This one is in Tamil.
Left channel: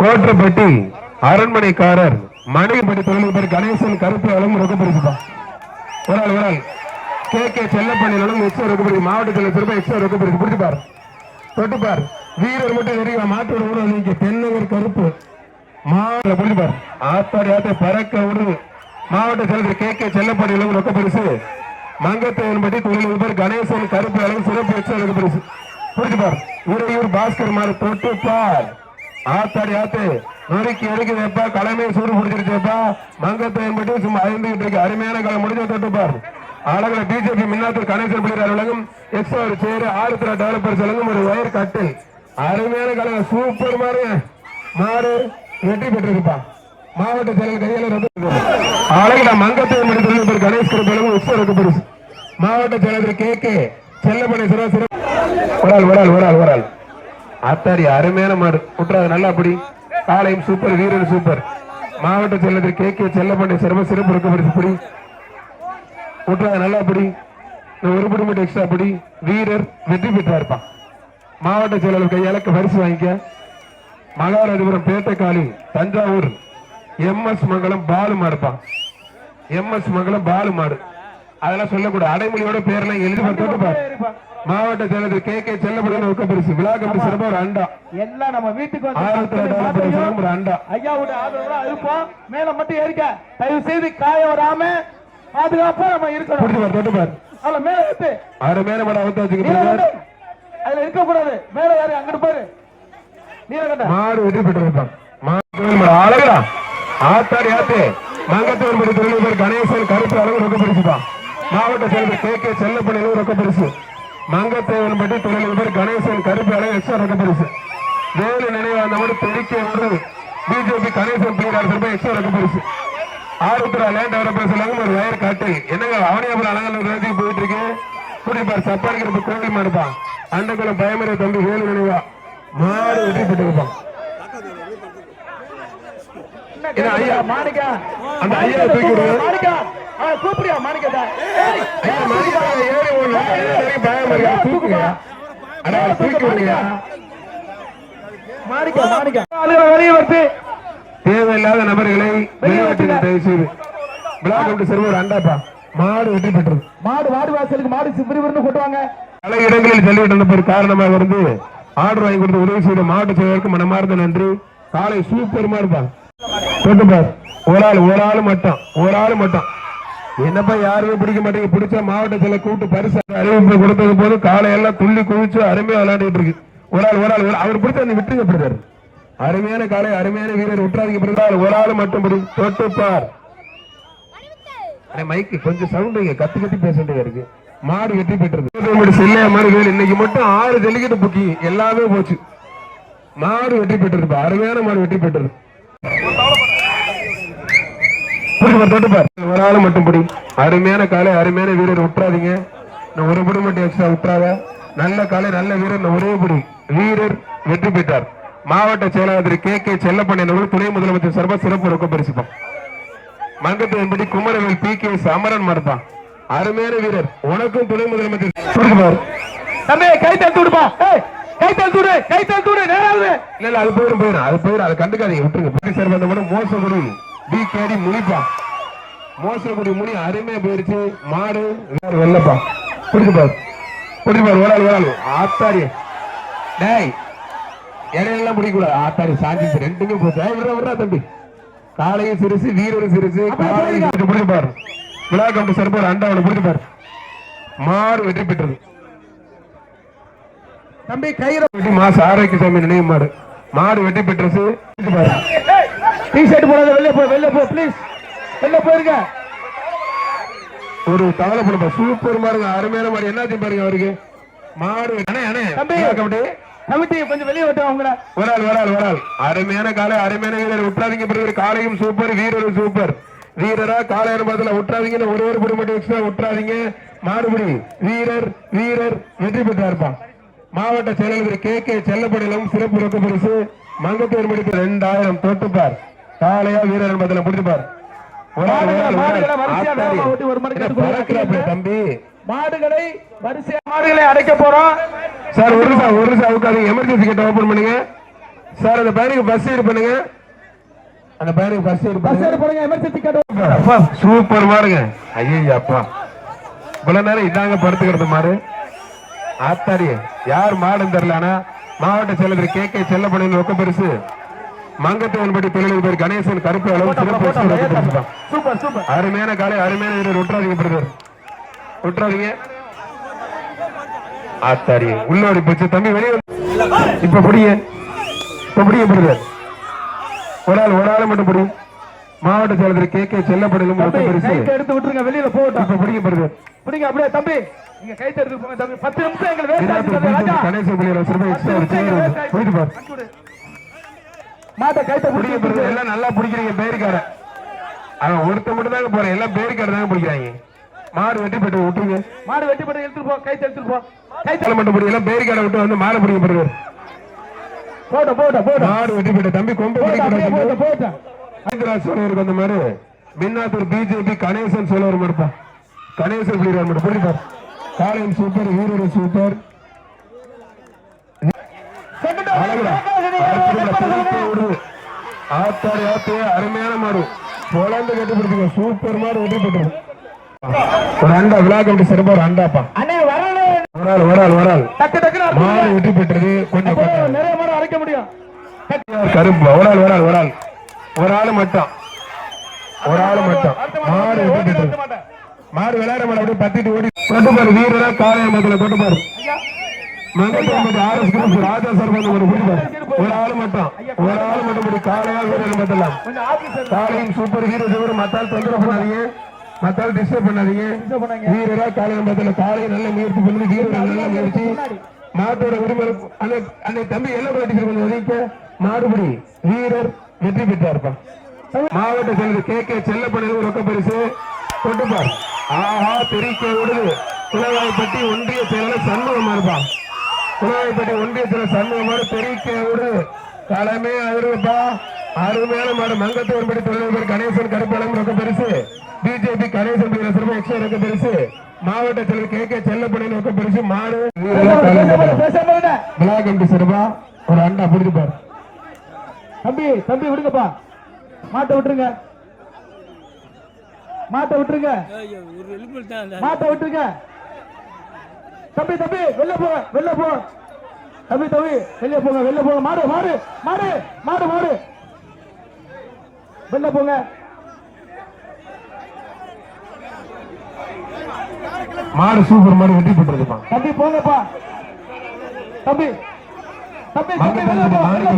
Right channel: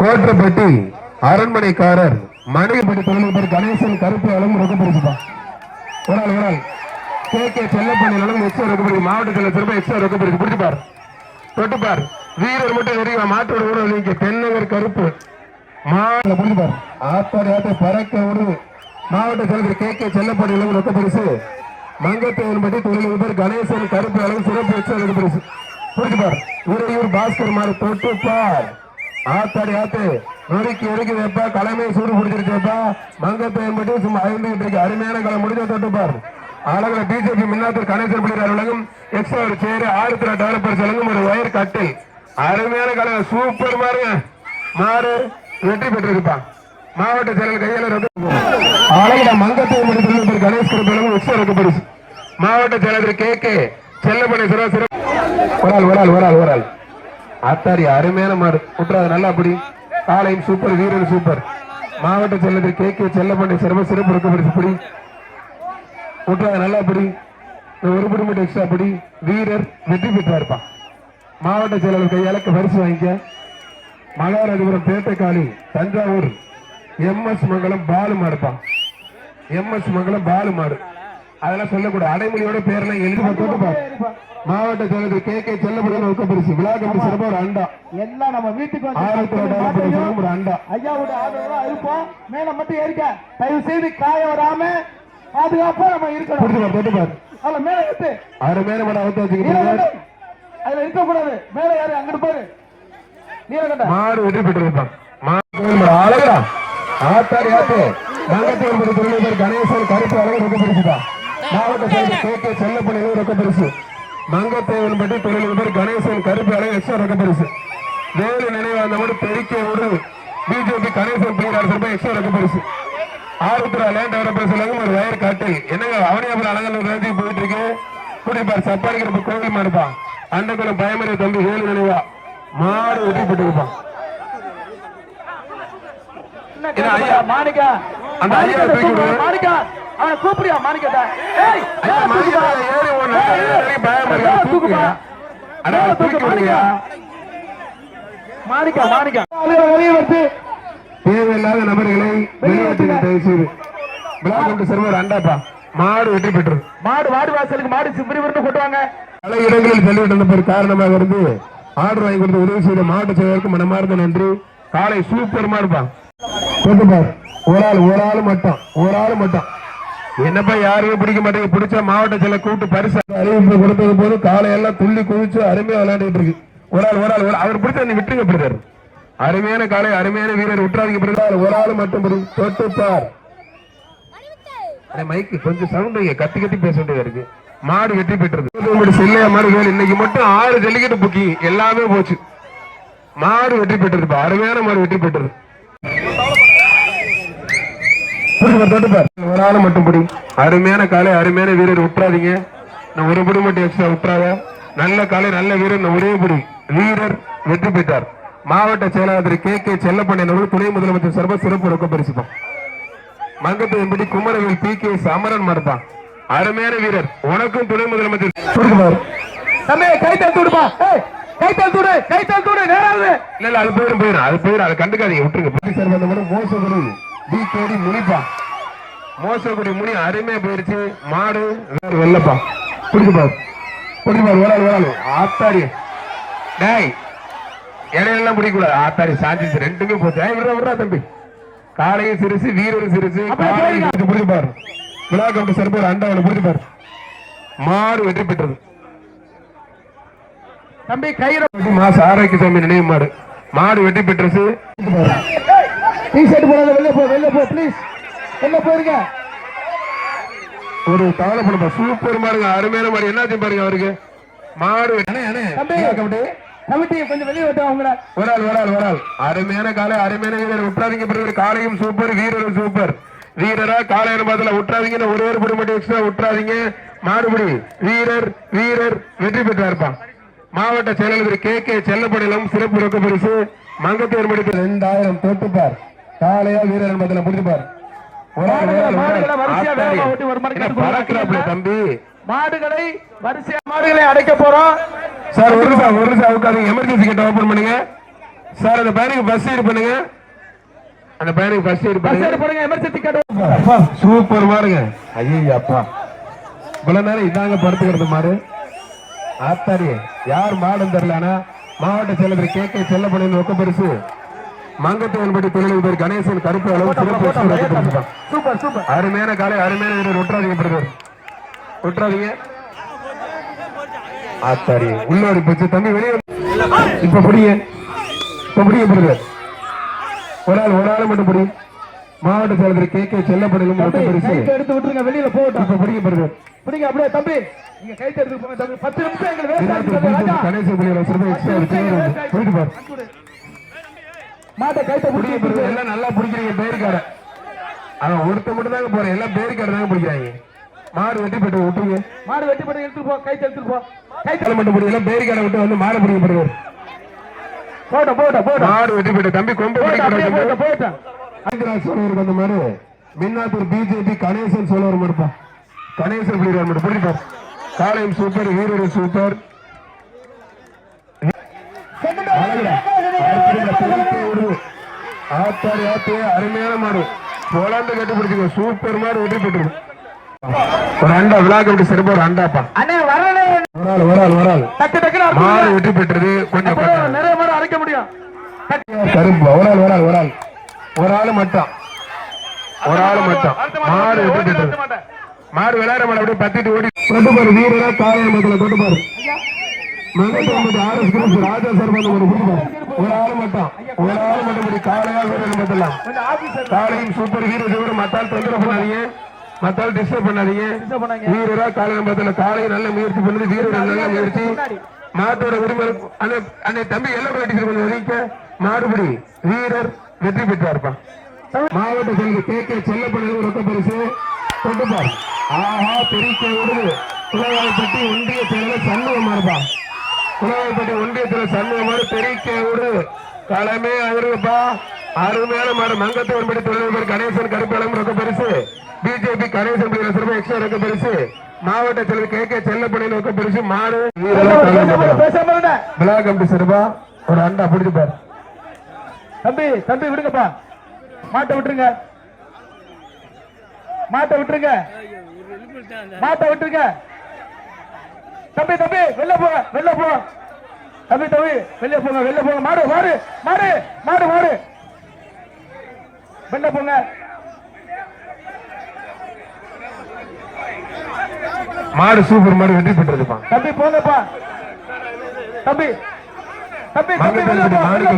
கோட்டப்பட்டி அரண்மனைக்காரர் மணிபடி தொழில் கணேசன் கருப்பு அளவு ரொக்க பரிசுப்பா. ஒரு ஆள் கே செல்லப்பள்ளி எக்ஸ்ட்ரா ரொக்க பரிசு. மாவட்டத்தில் திரும்ப எக்ஸ்ட்ரா ரொக்க பரிசு. பிடிச்சுப்பார் தொட்டுப்பார். வீரர் மட்டும் தெரியுமா மாற்றோட ஊழல் தென்னவர் கருப்பு மாவட்ட பிடிச்சுப்பார். ஆத்தாடி ஆத்த பறக்க விடு. மாவட்ட தலைவர் கே செல்லப்பள்ளி ரொக்க பரிசு. மங்கத்தேவன்பட்டி தொழில் கணேசன் கருப்பு அளவு சிறப்பு எக்ஸ்ட்ரா ரொக்க பரிசு. புரிஞ்சுப்பார். உறையூர் பாஸ்கர் மாதிரி தொட்டுப்பார். ஆத்தாடி ஆத்து நெருக்கி வைப்பா. கலமே சூடு பிடிச்சிருச்சப்பா. மங்கத்தேவன்பட்டி சும்மா அழிந்துகிட்டு இருக்கு. அருமையான காலம் முடிஞ்ச தொட்டுப்பார். அழகுல பிஜேபி மின்னாத்தூர் கணேசன் பிள்ளையார் அலுவலகம் எக்ஸ்ட்ரா ஒரு சேரு ஆறுத்திர டெவலப்பர்ஸ் அலுவலகம் ஒரு வயர் கட்டு. அருமையான காலம் சூப்பர் மாறு வெற்றி பெற்றிருப்பா. மாவட்ட செயலர் கையாளர் அழகுல மங்கத்தேவன்பட்டி கணேஷ் கருப்பு எக்ஸ்ட்ரா இருக்க பரிசு. மாவட்ட செயலர் கே செல்லப்பனை சிறப்பு. ஒரு ஆள் ஆத்தாடி அருமையான மாடு குற்றாது நல்லா அப்படி காலையும் சூப்பர் வீரர் சூப்பர். மாவட்ட செயலர் கே செல்லப்பனை சிறப்பு இருக்க பரிசு. படி குற்றாது நல்லா அப்படி ஒரு படி மட்டும் எக்ஸ்ட்ரா படி. வீரர் வெற்றி பெற்றா இருப்பான். மாவட்ட செயலர் கையாளக்கு பரிசு வாங்கிக்க. மகாராஜபுரம் பேட்டைக்காலி தஞ்சாவூர் எம்எஸ் மங்கலம் பாலு மாடுப்பான். எம்எஸ் மங்கலம் பாலு மாடு அதெல்லாம் சொல்லக்கூடாது. அடைமொழியோட பேர்ல எழுதி மாவட்ட செயலர் கே செல்லப்பட ஒக்க பரிசு. விழா கமிட்டி சிறப்பு ஒரு அண்டா எல்லாம் நம்ம வீட்டுக்கு ஒரு அண்டா ஐயாவோட ஆதரவு இருப்போம். மேல மட்டும் ஏறிக்க தயவு செய்து காய வராம பாதுகாப்பா நம்ம இருக்கணும். தொட்டுப்பார் அதுல மேல விட்டு அவரை மேல மட்டும் அவுத்து வச்சுக்கிட்டு அதுல இருக்க கூடாது. மேல யாரு அங்கிட்டு பாரு மாடு வெற்றி பெற்றிருப்பான். அழகா ஆத்தாடி ஆத்து மங்கத்தேவன்பட்டி தொழில் கணேசன் கருப்பு அளவு ரொக்க பரிசுப்பான். மாவட்ட செயலர் கே செல்லப்பள்ளி ரொக்க பரிசு. மங்கத்தேவன்பட்டி தொழில் கணேசன் கருப்பு அளவு எக்ஸ்ட்ரா ரொக்க பரிசு. வேறு நினைவாந்தோடு பெருக்கிய விருது பிஜேபி கணேசன் பிள்ளையார் எக்ஸ்ட்ரா ரொக்க பரிசு. ஆறுத்துறை லேண்ட் டெவலப்பர்ஸ் ஒரு வயர் காட்டு. என்னங்க அவனியாபுரம் அழகான போயிட்டு இருக்கு. குடிப்பார் சப்பாரிக்கு கோவில் இருப்பான். அண்டகுளம் பயமறை தம்பி வேலு நினைவா மாடு வெற்றி பெற்றிருப்பான். அந்த ஐயா தூக்கி கூப்பிடியா மாணிக்கா தேவையில்லாத நபர்களை அண்டாப்பா மாடு வெற்றி பெற்றது. மாடு வாசலுக்கு மாடு சிப்பிரிவர்னு கொட்டுவாங்க. பல இடங்களில் தள்ளிவிட்ட காரணமாக இருந்து ஆர்டர் வாங்கி கொடுத்து உதவி செய்த மாவட்ட செயலருக்கு மனமார்ந்த நன்றி. காலை சூப்பர்மா இருப்பான். ஒரு ஆள் மட்டும் என்னப்பா யாரையும் பிடிக்க மாட்டேங்க. பிடிச்ச மாவட்ட செயலர் கூட்டு பரிசு அறிவிப்பு கொடுத்தது போது காலையெல்லாம் துள்ளி குதிச்சு அருமையா விளையாண்டுட்டு இருக்கு. ஒரு ஆள் அவர் பிடிச்ச நீ விட்டுங்க பிடிச்சாரு. அருமையான காலை அருமையான வீரர் விட்டுறாதீங்க. ஒரு ஆள் மட்டும் தொட்டுப்பார். மைக்கு கொஞ்சம் சவுண்ட் கத்தி பேச வேண்டியதா இருக்கு. மாடு வெற்றி பெற்றது. செல்லையா மாடு இன்னைக்கு மட்டும் 6 ஜல்லிக்கட்டு புக்கிங் எல்லாமே போச்சு. மாடு வெற்றி பெற்றது. அருமையான மாடு வெற்றி பெற்றது. ஒரு ஆள் மட்டும் படி. அருமையான காலை அருமையான வீரர் விட்டுறாதீங்க. ஒரு படி மட்டும் எக்ஸ்ட்ரா விட்டுறாத. நல்ல காலை நல்ல வீரர் ஒரே படி வீரர் வெற்றி பெற்றார். மாவட்ட செயலாளர் கே செல்லப்பண்ண துணை முதலமைச்சர் சர்வ சிறப்பு ரொக்க பரிசுப்பான். மங்கத்தேவன்பட்டி குமரவேல் பி.கே. அமரன் மாடுதான் அருமையான வீரர். உனக்கும் துணை முதலமைச்சர் அது போயிடும் அது கண்டுக்காதீங்க விட்டுருங்க. மோசப்படும் டிகேடி முனிப்பா மோசப்படி முனி அருமையா போயிடுச்சு. மாடு வெள்ளப்பா பிடிச்சிட்டாரு. ஓடாது ஆத்தாடி இடையெல்லாம் பிடிக்கூடாது. ஆத்தாடி சாஞ்சிச்சு ரெண்டுமே போச்சு. விடுறா தம்பி. காலையும் சிறுசு வீரரும் சிறுசு. பிடிப்பாரு விழா கம்பி சிறப்பு அண்டாவோட பிடிப்பாரு. மாடு வெற்றி பெற்றது. தம்பி கயிறு மாச ஆரோக்கியசாமி நினைவு மாடு வெற்றி பெற்றது. வெளில போ ப்ளீஸ். வெளில போயிருங்க. ஒரு கவலைப்பட சூப்பர் மாடுங்க அருமையான மாடு. என்னாச்சு பாருங்க அவருக்கு. மாடு கொஞ்சம் வெளியே விட்டு ஒரு ஆள் அருமையான காலை அருமையான வீரர் விட்டுறாதீங்க. காலையும் சூப்பர் வீரரும் சூப்பர். வீரரா காலையான பாத்துல விட்டுறாதீங்க. ஒரு படி மட்டும் எக்ஸ்ட்ரா விட்டுறாதீங்க. மாடுபடி வீரர் வெற்றி பெற்றார்ப்பா. மாவட்ட செயலாளர் கே செல்லப்படையிலும் சிறப்பு ரொக்க பரிசு. மங்கத்தேவன்பட்டி 2000 தொட்டுப்பார். காலையா வீரர் என்பதில் முடிச்சுப்பார். தம்பி மாடுகளை வரிசையா மாடுகளை அடைக்க போறோம். சார் ஒரு நிமிஷம் எமர்ஜென்சி கேட்ட ஓபன் பண்ணுங்க. சார் அந்த பையனுக்கு பஸ் ஏடு பண்ணுங்க. அந்த பையனுக்கு பஸ் ஏடு பஸ் பண்ணுங்க. போடுங்க எமர்ஜென்சி கார்டு. அப்பா சூப்பர் மாடுங்க. ஐயோ அப்பா இவ்வளவு நேரம் இதாங்க படுத்துக்கிறது மாடு. ஆத்தாடி யார் மாடுன்னு தெரியல. ஆனா மாவட்ட செயலர் கே கே செல்லப்பணியின் ரொக்க பரிசு மங்கத்தவன்படி தொழிலதிபர் கணேசன் கருப்பு அளவு சிறப்பு சூப்பர் சூப்பர். அருமையான காலை அருமையான வீரர். விட்டுறாதீங்க பிரதர், விட்டுறாதீங்க. ஆத்தாடி உள்ளோடி போச்சு தம்பி வெளியே. இப்ப புடிங்க, இப்ப புடிங்க பிரதர். ஒரு ஆள் மட்டும் புரியும். மாவட்ட செயலர் கே கே செல்லப்பணியின் ரொக்க பரிசு எடுத்து விட்டுருங்க, வெளியில போகட்டும். இப்ப புடிங்க பிரதர். பிடிங்க அப்படியே தம்பி, நீங்க கை தடுத்து போங்க தம்பி. 10 நிமிஷம் எங்க வேஸ்ட் ஆகுது. கணேசன் புள்ளியோட சிறப்பு எக்ஸ்ட்ரா போயிட்டு பாரு. மாட்ட கைத்த புடிங்க பிரதர். எல்லாம் நல்லா பிடிக்கிறீங்க பேருக்கார. அவன் ஒருத்த மட்டும் தாங்க போறேன். எல்லாம் பேருக்கார தாங்க பிடிக்கிறாங்க. மாடு வெட்டி போட்டு விட்டுருங்க. மாடு வெட்டி போட்டு எடுத்துட்டு போ, கை எடுத்துட்டு போ. கை தலை மட்டும் பிடிக்கல பேருக்கார விட்டு வந்து மாலை பிடிங்க பிரதர். போட மாடு வெட்டி போட்டு தம்பி கொண்டு போட. சொல்லுவாருக்கு அந்த மாதிரி மின்னாத்தூர் பிஜேபி கணேசன் சொல்லுவார் மறுப்பா. கணேசன் பிடிக்கிறார் பிடிப்பார். காலையும் சூப்பர், வீரரும் சூப்பர். ஆத்தாடி ஆத்து அருமையான மாடு. பொலாந்து கட்டி பிடிச்சிக்கோ. சூப்பர் மாடு வெட்டி போட்டு ஒரு அண்டா விழாக்கு விட்டு சிறப்பா ஒரு அண்டாப்பா. ஒரு ஆள் மாடு வெட்டி பெற்றது. கொஞ்சம் நிறைய மாடு அரைக்க முடியும். கருப்பு ஒரு ஆள் மட்டும் மாடு வெட்டி பெற்றது. மாடு விளையாட மாடு அப்படியே பத்திட்டு ஓடி தொட்டுப்பாரு. வீரரா காலையில் மக்களை தொட்டுப்பாரு. ஆர்எஸ் குரூப் ராஜா சர்பந்த ஒரு ஆள் மட்டும் காலையா வீரர் காலையும் சூப்பர் வீரர். மத்தால் தொந்தரவு பண்ணாதீங்க, மத்தால் டிஸ்டர்ப் பண்ணாதீங்க. வீரரா காலையில் மத்தில காலையை நல்ல முயற்சி பண்ணுது. வீரர் நல்ல முயற்சி. மாட்டோட உரிமை அந்த தம்பி எல்லாம் போயிட்டு கொஞ்சம் ஒதுக்க. மாடுபடி வீரர் வெற்றி பெற்றார்ப்பா. மாவட்ட செயலர் கே கே செல்லப்பணியில் ரொக்க பரிசு தொட்டுப்பார். ஆஹா தெரிக்க விடுது. குலவாய்ப்பட்டி ஒன்றிய செயலர் சண்முகமா இருப்பா. குலவாய்ப்பட்டி ஒன்றியத்துல சண்முகமாறு தெரிக்க விடு. தலைமை அவருப்பா. அருமையான மாடு. மங்கத்தவன்படி தொழிலதிபர் கணேசன் கருப்பாளம் ரொக்க பரிசு. பிஜேபி கணேசன் சிறப்பு எக்ஸ்ட்ரா ரொக்க பரிசு. மாவட்ட செயலர் கே கே செல்லப்பணியில் ரொக்க பரிசு. மாடு விழா கமிட்டி சிறப்பா ஒரு அண்டா பிடிச்சுப்பார். தம்பி விடுங்கப்பா. மாட்டை விட்டுருங்க. தம்பி வெளில போ. தம்பி வெளில போங்க. மாடு வெளில போங்க. மாடு சூப்பர் மாடு வெற்றி பெற்றதுப்பா. தம்பி போங்கப்பா. தம்பி மாணிக்க